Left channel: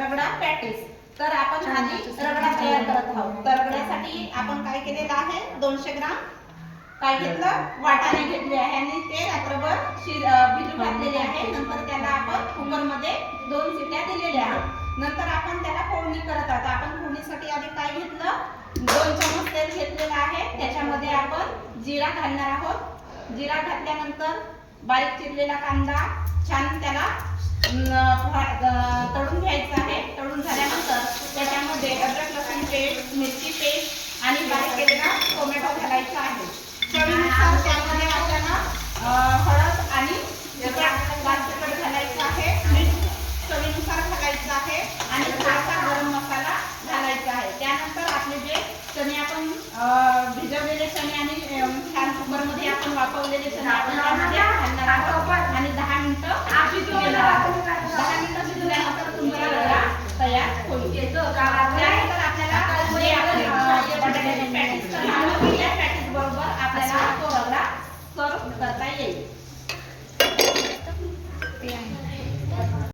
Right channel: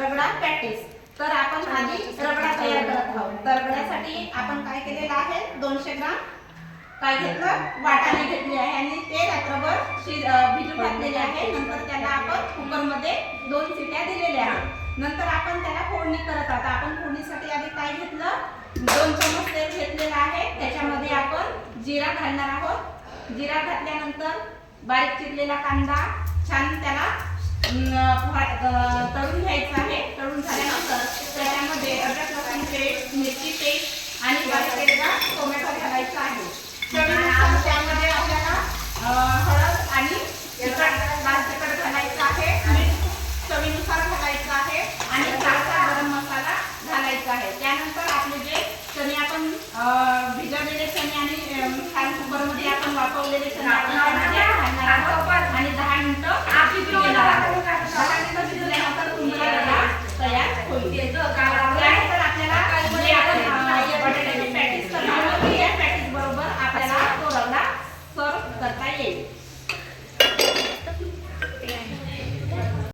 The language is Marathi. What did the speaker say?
रगडा पॅटीस. तर आपण आधी रगडा तयार करत आहोत. तर रगड्यासाठी आपण काय केलेलं आहे, 200 ग्राम काय घेतलं, वाटाणे घेतले आहे आणि ते रात्रभर भिजू घातलेले आहे. नंतर त्याला आपण कुकरमध्ये 2 शिट्या दिलेल्या आहेत. नंतर आपण त्याला फोडणी करत आहोत. आपण फोडणीसाठी आधी काय घेतलं, 2 चमच तेल घेतलेलं आहे. त्याच्यामध्ये आपण जिरा घालणार आहोत. जिरा घातल्यानंतर बारीक चिरलेला कांदा छान त्याला तळून घ्यायचा आहे. तळून झाल्यानंतर त्याच्यामध्ये अद्रक लसूण पेस्ट, मिरची पेस्ट आणि बारीक केलेला टोमॅटो घालायचा आहे. चवीनुसार त्यामध्ये आपल्याला हळद आणि लाल तिखट घालायचं आहे. मीठ चवीनुसार घालायचं आहे आणि थोडासा गरम मसाला घालायचा आहे. त्यानंतर आपले जे चणे आपण भिजवलेले चणे आणि छान कुकरमध्ये आपण वाफवलेले चणे आपण त्यामध्ये घालणार आहोत आणि 10 मिनिटं शिजवणार आहोत. 10 मिनिटं शिजल्यानंतर तुमचा रगडा तयार होईल.